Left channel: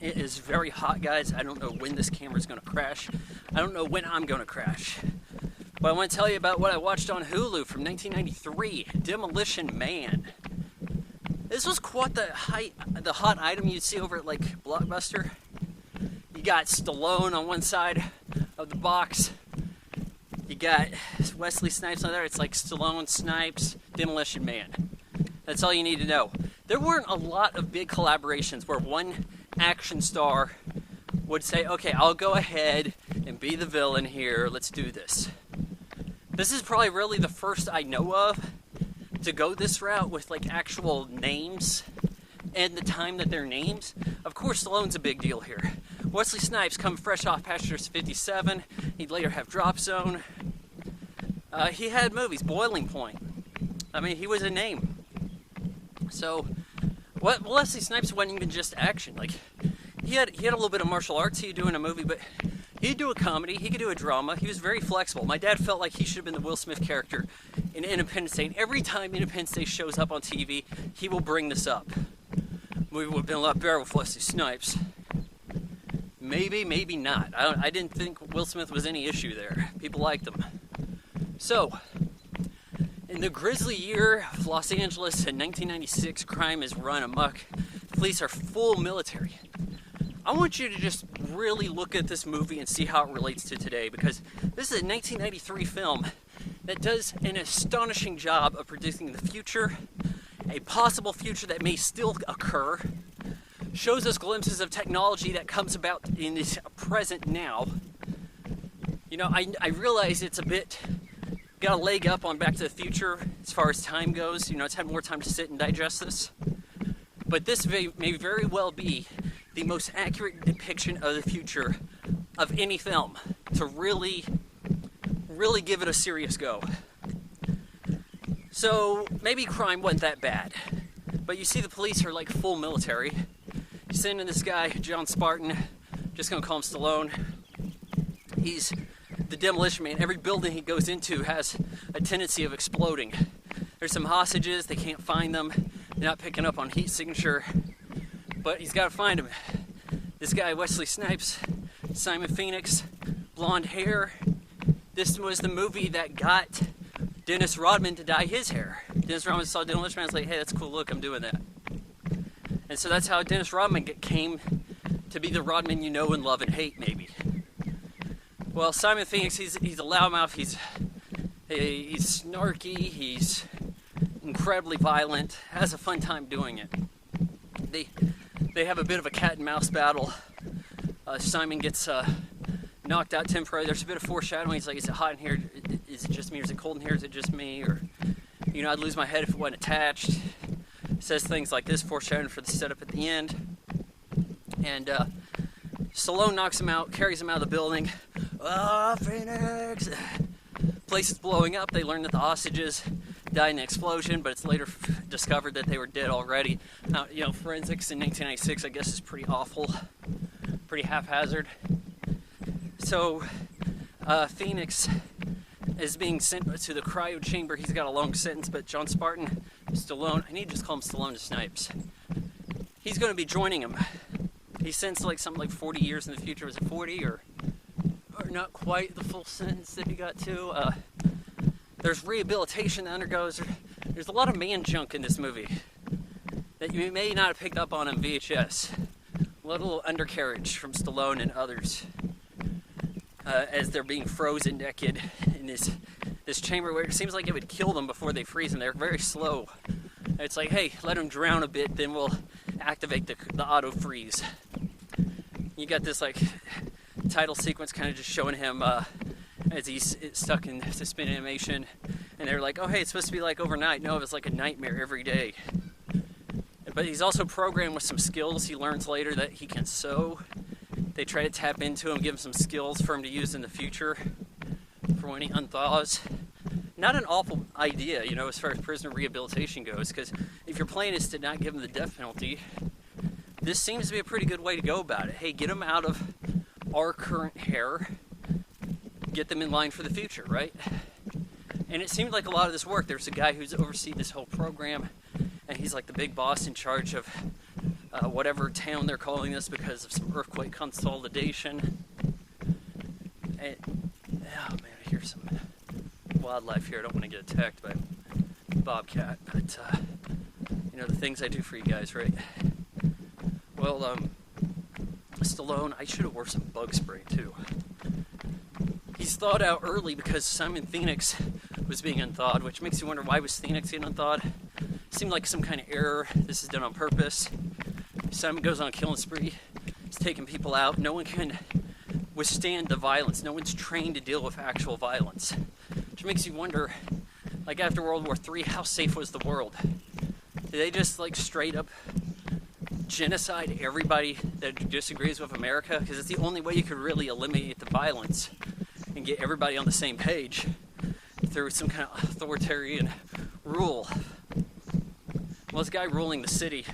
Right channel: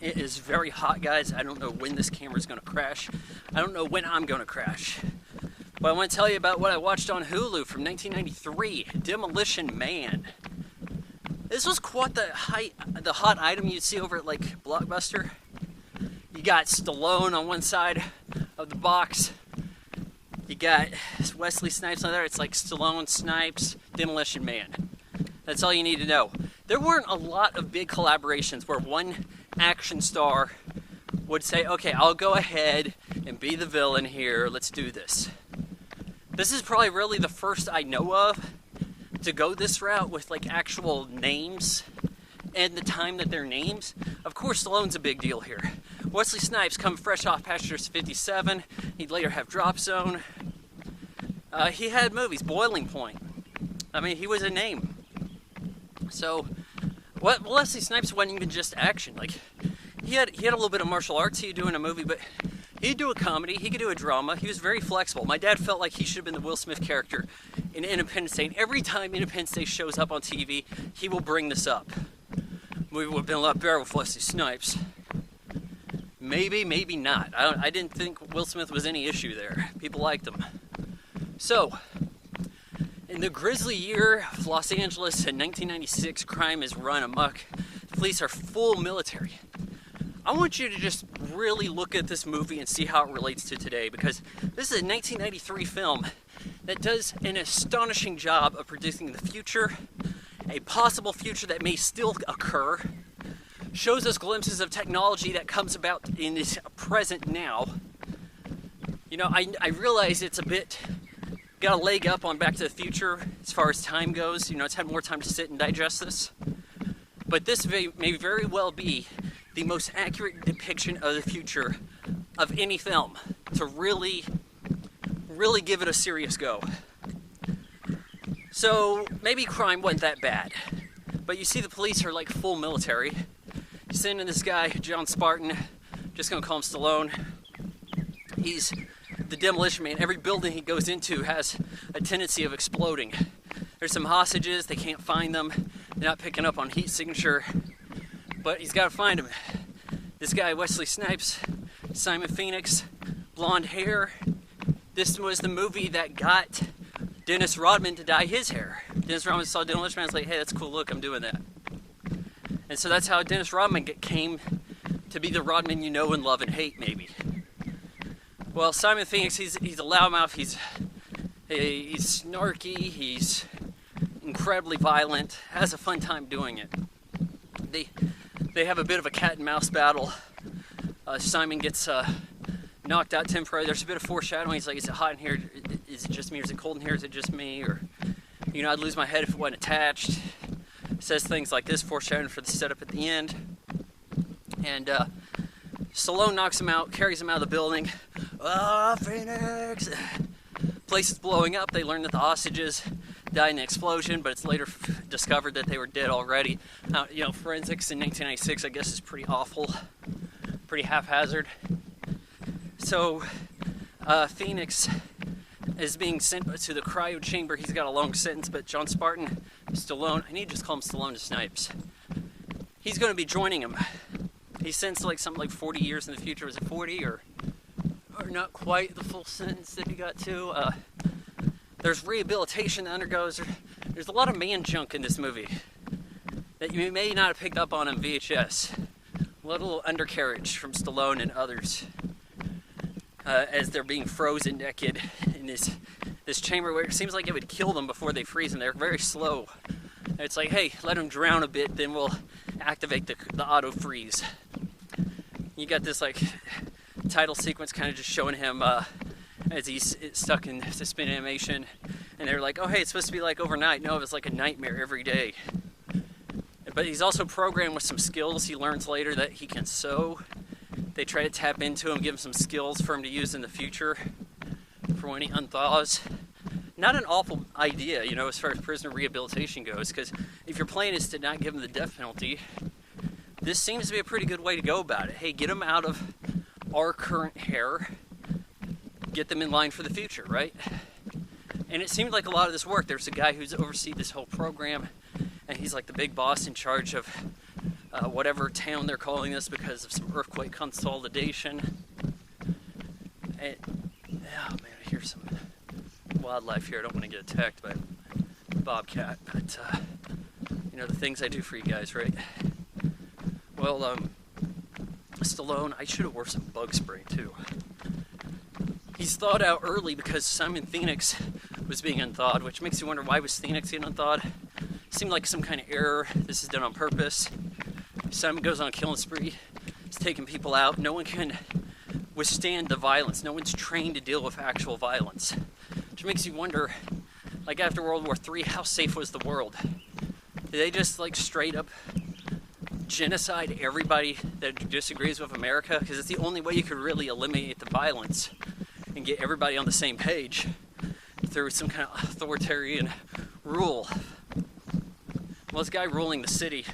It is very hot, guys. I don't know when this camera is going to crash. I don't know when I'm going to crash. But I want to tell you about what I watched on Hulu from 1993, Demolition Man. This was quite the hot item you'd see over at like Blockbuster. You got Stallone on one side of the box. You got Wesley Snipes on there. It's like Stallone, Snipes, Demolition Man. That's all you need to know. There weren't a lot of big collaborations where one action star would say, okay, I'll go ahead and be the villain here. Let's do this. This is probably really the first I know of to go this route with like actual names and the time that they're names. Of course, Stallone's a big deal here. Wesley Snipes come fresh off Passengers 57. He'd later have Drop Zone. He had movies, Boiling Point. I mean, he was a name. So, Wesley Snipes wasn't even just action. Like, he had a little bit of martial arts he'd do in a movie, but he'd do a comedy, he could do a drama. He was very flexible. My dad felt like he should have been the Will Smith character in Independence Day. And every time Independence Day shows up on TV, he will bring this up. The movie would have been a lot better with Wesley Snipes. Maybe, maybe not. I didn't think Will Smith was any issue there. People liked him. So, in the grisly year of Los Angeles in 1996, crime is run amok. The police are full military. I want you to just really look at this movie and see how it relates to today, because this is a 1993 film that does an astonishing job of predicting the future, a possible future that may still occur, shows us glimpses of technology that comes about in this present now. You know, I realize it's a bit, got a leg up on Back to the Future as far as time goes. You know, it's had more time to sit and digest this. But this may very well be the most accurate depiction of the future of any film to really give it a serious go. So maybe crime wasn't that bad, but you see the police are like full military. You send in this guy, John Spartan, just gonna call him Stallone. He's the Demolition Man. Every building he goes into has a tendency of exploding. There's some hostages, they can't find them. They're not picking up on heat signature, but he's gotta find them. This guy, Wesley Snipes, Simon Phoenix, blonde hair. This was the movie that got Dennis Rodman to dye his hair. Dennis Rodman saw Demolition Man and was like, hey, that's a cool look, I'm doing that. And so that's how Dennis Rodman came to be the Rodman you know and love and hate, maybe. Well, Simon Phoenix, he's a loudmouth, he's snarky, he's incredibly violent, has a fun time doing it. They have a bit of a cat and mouse battle. Simon gets knocked out temporarily. There's a bit of foreshadowing. He's like, is it hot in here? Is it just me? Or is it cold in here? Is it just me? Or, you know, I'd lose my head if it wasn't attached. Says things like this, foreshadowing for the setup at the end. And Stallone knocks him out, carries him out of the building. Phoenix! Place is blowing up. They learn that the hostages died in an explosion, but it's later discovered that they were dead already. You know, forensics in 1996, I guess, is pretty awful, pretty haphazard. So, Phoenix is being sent to the cryo chamber. He's got a long sentence, but John Spartan, Stallone, I need to just call him Stallone to Snipes. He's going to be joining him. He's sentenced to like something like 40 years in the future. Was it 40 or not quite the full sentence that he got to? There's rehabilitation that undergoes. There's a lot of man junk in this movie that you may not have picked up on VHS. A little undercarriage from Stallone and others as they're being frozen naked in this chamber where it seems like it would kill them before they freeze them. They're very slow. It's like, hey, let them drown a bit, then we'll activate the auto freeze. You got this like title sequence kind of just showing him as he's stuck in suspended animation, and they're like, oh hey, it's supposed to be like overnight. No, it's like a nightmare every day. But he's also programmed with some skills he learns later that he can sew. They try to tap into him, give him some skills for him to use in the future for when he unthaws. Not an awful idea, you know, as far as prisoner rehabilitation goes, because if your plan is to not give him the death penalty, this seems to be a pretty good way to go about it. Hey, get them out of our current hair, get them in line for the future, right? And it seemed like a lot of this worked. There's a guy who's overseen this whole program, and he's like the big boss in charge of whatever town they're calling this because of some earthquake consolidation. And, oh man, I hear some wildlife here. I don't want to get attacked by a bobcat, but you know, the things I do for you guys, right? Well, Stallone, I should have wore some bug spray too. He's thawed out early because Simon Phoenix was being unthawed, which makes you wonder, why was Phoenix getting unthawed? Seemed like some kind of error. This is done on purpose. Simon goes on a killing spree. He's taking people out. No one can withstand the violence. No one's trained to deal with actual violence. Which makes you wonder, like after World War III, how safe was the world? Did they just like straight up genocide everybody that disagrees with America? Because it's the only way you could really eliminate the violence and get everybody on the same page through some kind of authoritarian rule. Well, this guy ruling the city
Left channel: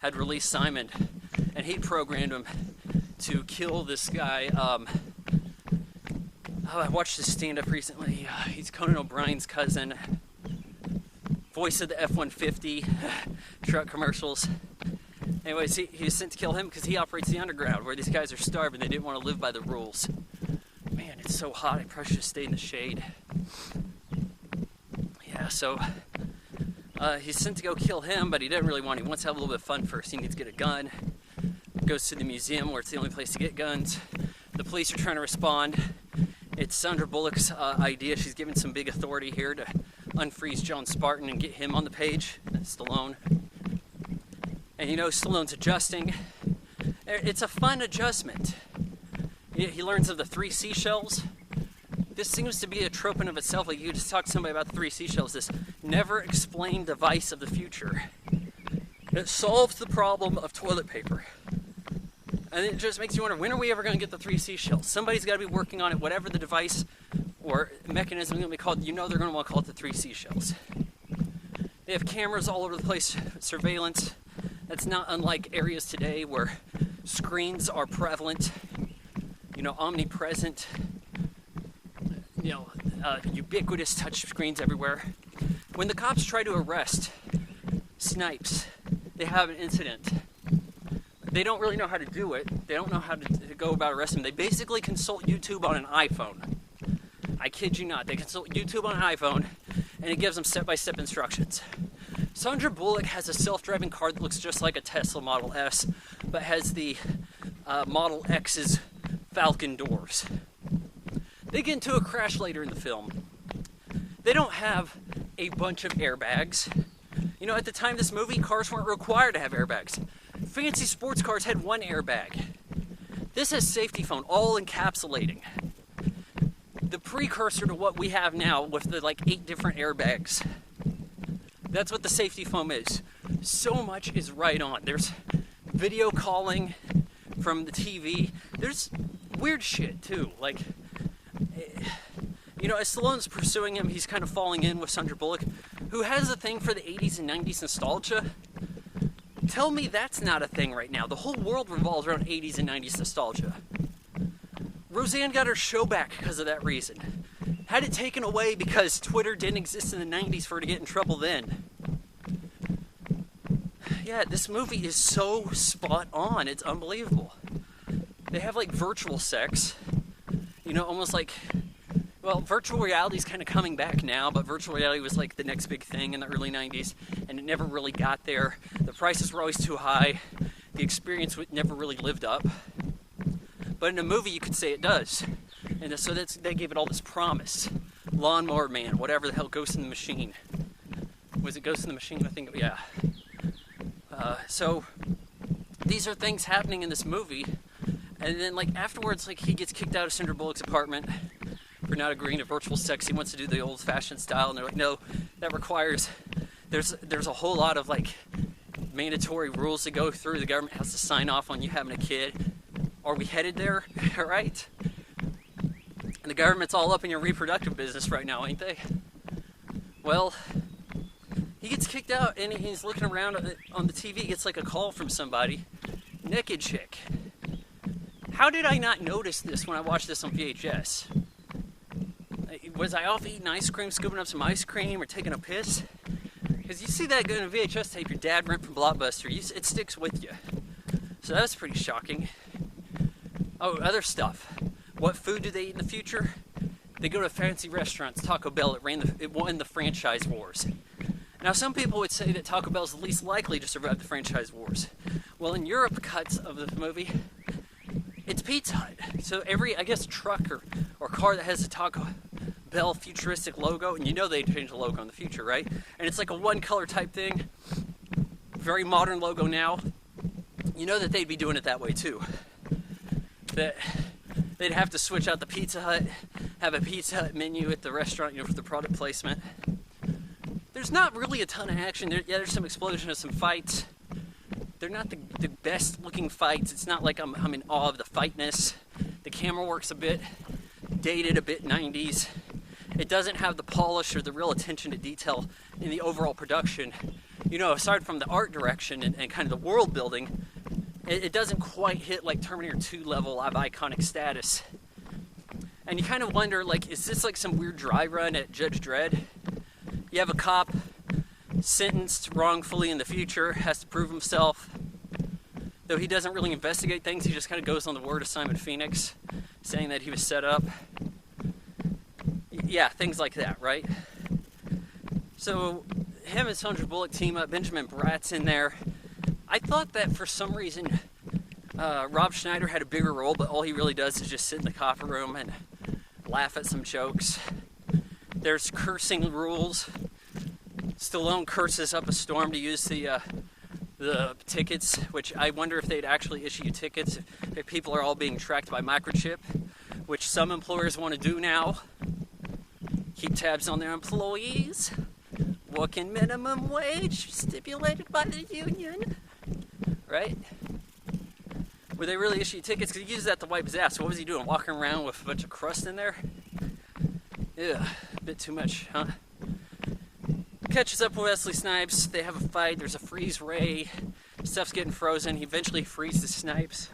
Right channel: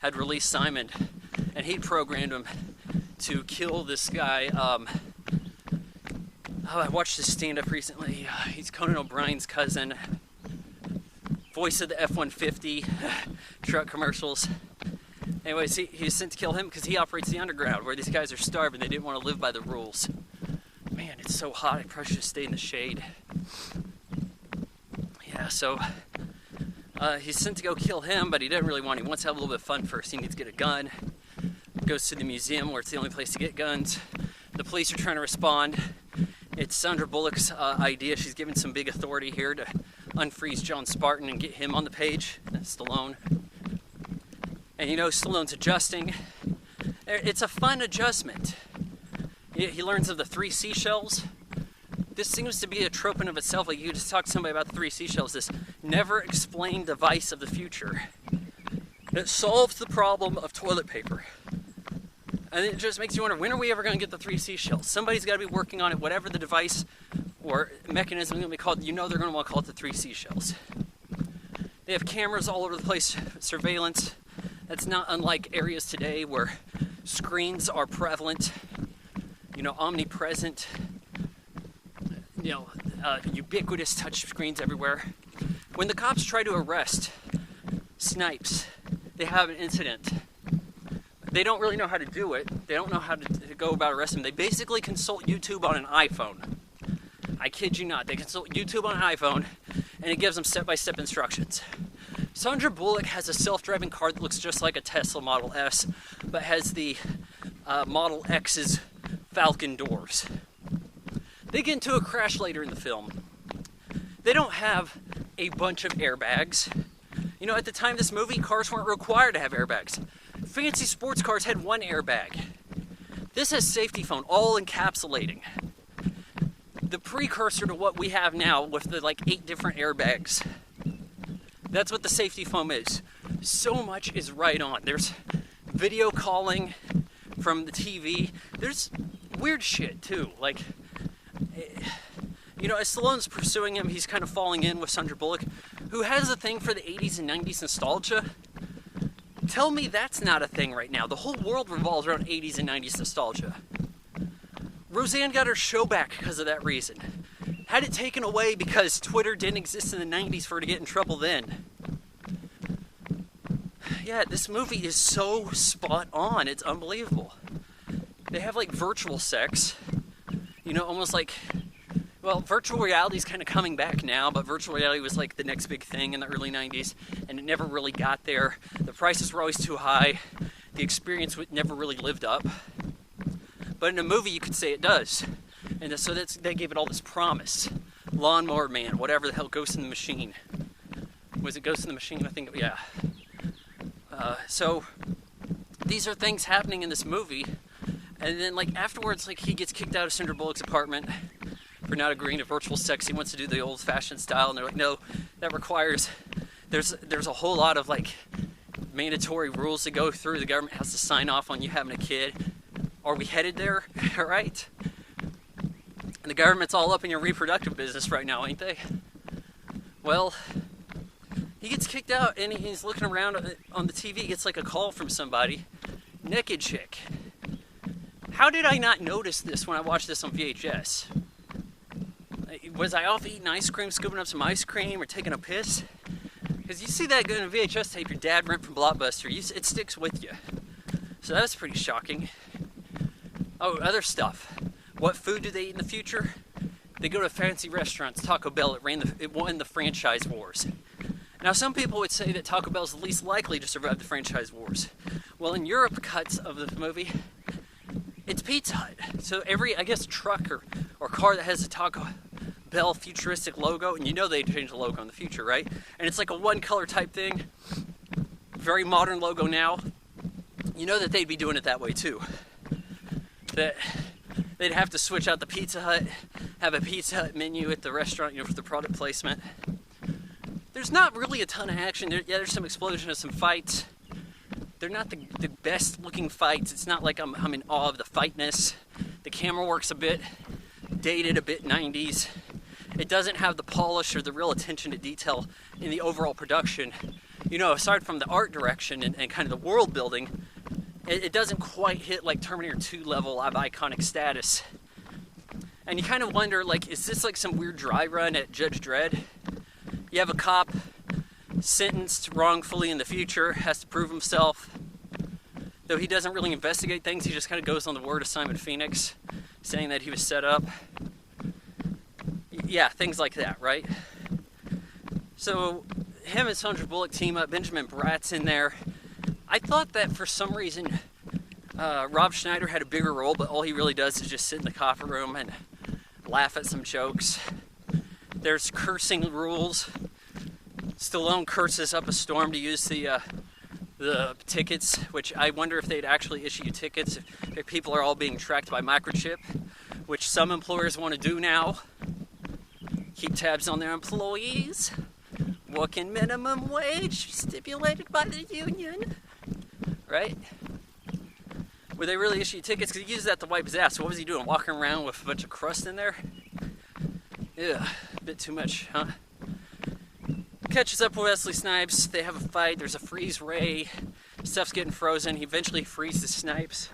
had released Simon, and he programmed him to kill this guy. I watched his stand-up recently. He's Conan O'Brien's cousin, voice of the F-150 truck commercials. Anyways, he was sent to kill him because he operates the underground, where these guys are starving. They didn't want to live by the rules. Man, it's so hot. I probably should have stayed in the shade. Yeah, so he's sent to go kill him, but he doesn't really want. He wants to have a little bit of fun first. He needs to get a gun. Goes to the museum, where it's the only place to get guns. The police are trying to respond. It's Sandra Bullock's idea. She's given some big authority here to unfreeze John Spartan and get him on the page. Stallone. And you know, Stallone's adjusting. It's a fun adjustment. He learns of the 3 seashells. This seems to be a trope in of itself. Like, you just talk to somebody about the 3 seashells, this never explained device of the future. It solves the problem of toilet paper. And it just makes you wonder, when are we ever going to get the 3 seashells? Somebody's got to be working on it, whatever the device or mechanism is going to be called. You know they're going to want to call it the 3 seashells. They have cameras all over the place, surveillance. That's not unlike areas today where screens are prevalent, you know, omnipresent, you know, ubiquitous touch screens everywhere. When the cops try to arrest Snipes, they have an incident. They don't really know how to do it. They don't know how to go about arresting him. They basically consult YouTube on an iPhone. I kid you not. They consult YouTube on an iPhone, and it gives them step-by-step instructions. Sandra Bullock has a self-driving car that looks just like a Tesla Model S, but has the Model X's Falcon doors. They get into a crash later in the film. They don't have a bunch of airbags. You know, at the time of this movie, cars weren't required to have airbags. Fancy sports cars had 1 airbag. This has safety foam, all encapsulating. The precursor to what we have now with the 8 different airbags. That's what the safety foam is. So much is right on. There's video calling from the TV. There's weird shit too. Like, you know, as Stallone's pursuing him, he's kind of falling in with Sandra Bullock, who has a thing for the 80s and 90s nostalgia. Tell me that's not a thing right now. The whole world revolves around 80s and 90s nostalgia. Roseanne got her show back because of that reason. Had it taken away because Twitter didn't exist in the 90s for her to get in trouble then. Yeah, this movie is so spot on. It's unbelievable. They have virtual sex. You know, almost like, well, virtual reality is kind of coming back now, but virtual reality was the next big thing in the early 90s, and it never really got there. The prices were always too high. The experience never really lived up. But in a movie, you could say it does. And so they gave it all this promise. Lawnmower Man, whatever the hell, Ghost in the Machine. Was it Ghost in the Machine? I think, yeah. So these are things happening in this movie. And then afterwards, he gets kicked out of Sandra Bullock's apartment for not agreeing to virtual sex. He wants to do the old-fashioned style. And they're like, no, that requires, there's a whole lot of mandatory rules to go through. The government has to sign off on you having a kid. Are we headed there? All right. And the government's all up in your reproductive business right now, ain't they? Well, he gets kicked out, and he's looking around on the TV. He gets a call from somebody. Naked chick. How did I not notice this when I watched this on VHS? Was I off eating ice cream, scooping up some ice cream, or taking a piss? Because you see that in a VHS tape your dad rent from Blockbuster, it sticks with you. So that was pretty shocking. Oh, other stuff. What food do they eat in the future? They go to fancy restaurants. Taco Bell, it won the franchise wars. Now, some people would say that Taco Bell is the least likely to survive the franchise wars. Well, in Europe cuts of the movie, it's Pizza Hut. So every, I guess, truck or car that has a Taco Bell futuristic logo, and you know they change the logo in the future, right? And it's like a one color type thing. Very modern logo now. You know that they'd be doing it that way too. That they'd have to switch out the Pizza Hut, have a Pizza Hut menu at the restaurant, you know, for the product placement. There's not really a ton of action. There's some explosion of some fights. They're not the best looking fights. It's not like I'm in awe of the fightness. The camera work's a bit dated, a bit 90s. It doesn't have the polish or the real attention to detail in the overall production. You know, aside from the art direction and kind of the world building, it doesn't quite hit like Terminator 2 level of iconic status. And you kind of wonder, like, is this like some weird dry run at Judge Dredd? You have a cop sentenced wrongfully in the future, has to prove himself. Though he doesn't really investigate things, he just kind of goes on the word of Simon Phoenix, saying that he was set up. Yeah, things like that, right? So him and Sandra Bullock team up, Benjamin Bratt's in there. I thought that for some reason Rob Schneider had a bigger role, but all he really does is just sit in the coffee room and laugh at some jokes. There's cursing rules. Stallone curses up a storm to use the tickets, which I wonder if they'd actually issue you tickets if people are all being tracked by microchip, which some employers want to do now. Keep tabs on their employees. Working minimum wage stipulated by the union. Right? Would they really issue tickets? Because he used that to wipe his ass. So what was he doing? Walking around with a bunch of crust in there? Yeah, a bit too much, huh? Catches up with Wesley Snipes. They have a fight. There's a freeze ray. Stuff's getting frozen. He eventually freezes Snipes.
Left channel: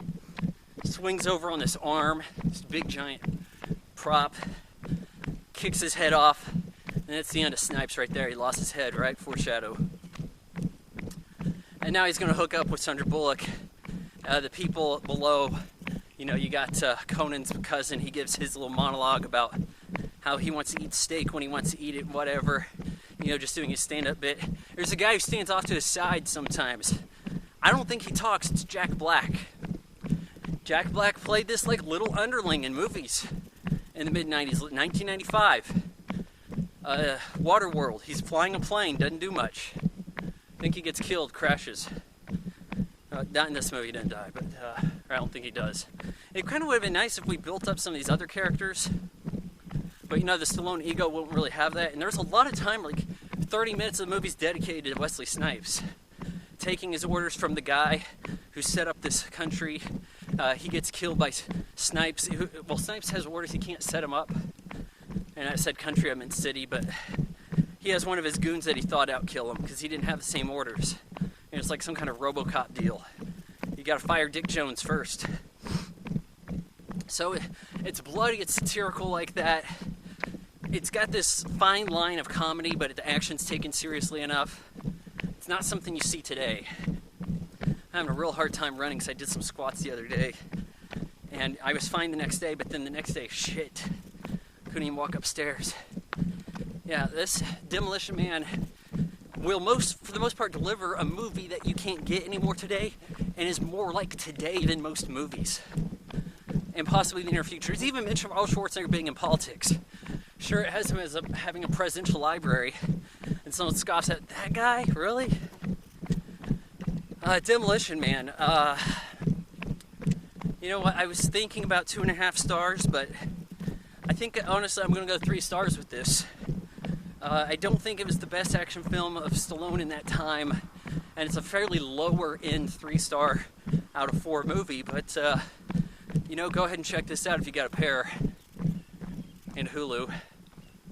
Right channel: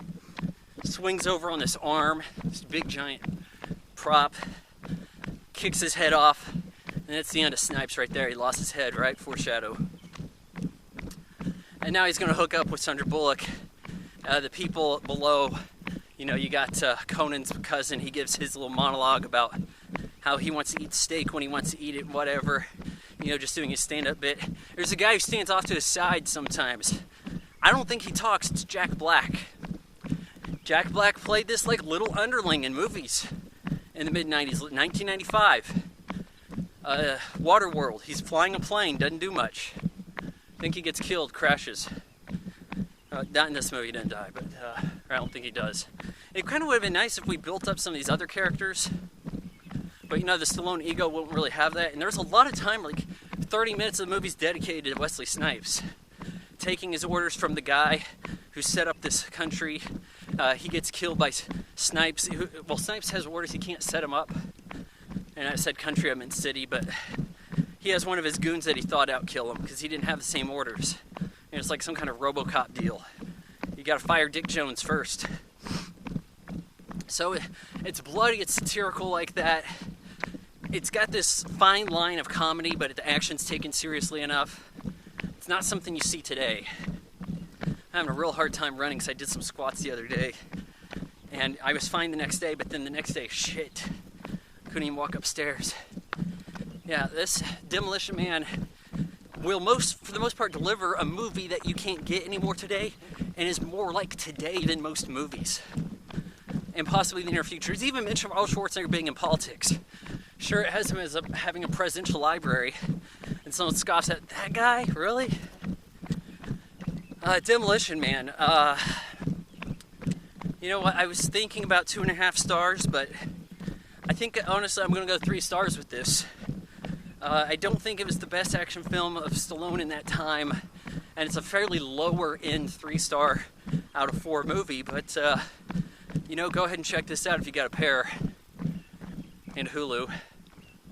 Swings over on this arm. This big giant prop. Kicks his head off. And that's the end of Snipes right there. He lost his head, right? Foreshadow. And now he's going to hook up with Sandra Bullock. The people below, you know, you got Conan's cousin. He gives his little monologue about how he wants to eat steak when he wants to eat it, whatever. You know, just doing his stand-up bit. There's a guy who stands off to his side sometimes. I don't think he talks. It's Jack Black. Jack Black played this like little underling in movies in the mid-90s, 1995. Waterworld. He's flying a plane, doesn't do much. I think he gets killed, crashes. Not in this movie, he didn't die, but I don't think he does. It kind of would have been nice if we built up some of these other characters. But you know, the Stallone ego won't really have that. And there's a lot of time, like 30 minutes of the movie's dedicated to Wesley Snipes. Taking his orders from the guy who set up this country. He gets killed by Snipes. Well, Snipes has orders, he can't set him up. And I said country, I meant city, but he has one of his goons that he thought out kill him because he didn't have the same orders. And it's like some kind of RoboCop deal. You gotta fire Dick Jones first. So it's bloody, it's satirical like that. It's got this fine line of comedy, but the action's taken seriously enough. It's not something you see today. I'm having a real hard time running because I did some squats the other day. And I was fine the next day, but then the next day, shit. Couldn't even walk upstairs. Yeah, this Demolition Man will for the most part deliver a movie that you can't get anymore today and is more like today than most movies. And possibly in the near future. It's even mentioned Arnold Schwarzenegger being in politics. Sure, it has him as having a presidential library. And someone scoffs at, that guy? Really? Demolition Man. You know what? I was thinking about 2.5 stars, but I think, honestly, I'm going to go 3 stars with this. I don't think it was the best action film of Stallone in that time, and it's a fairly lower end 3-star out of 4 movie, but, you know, go ahead and check this out if you got a pair in Hulu.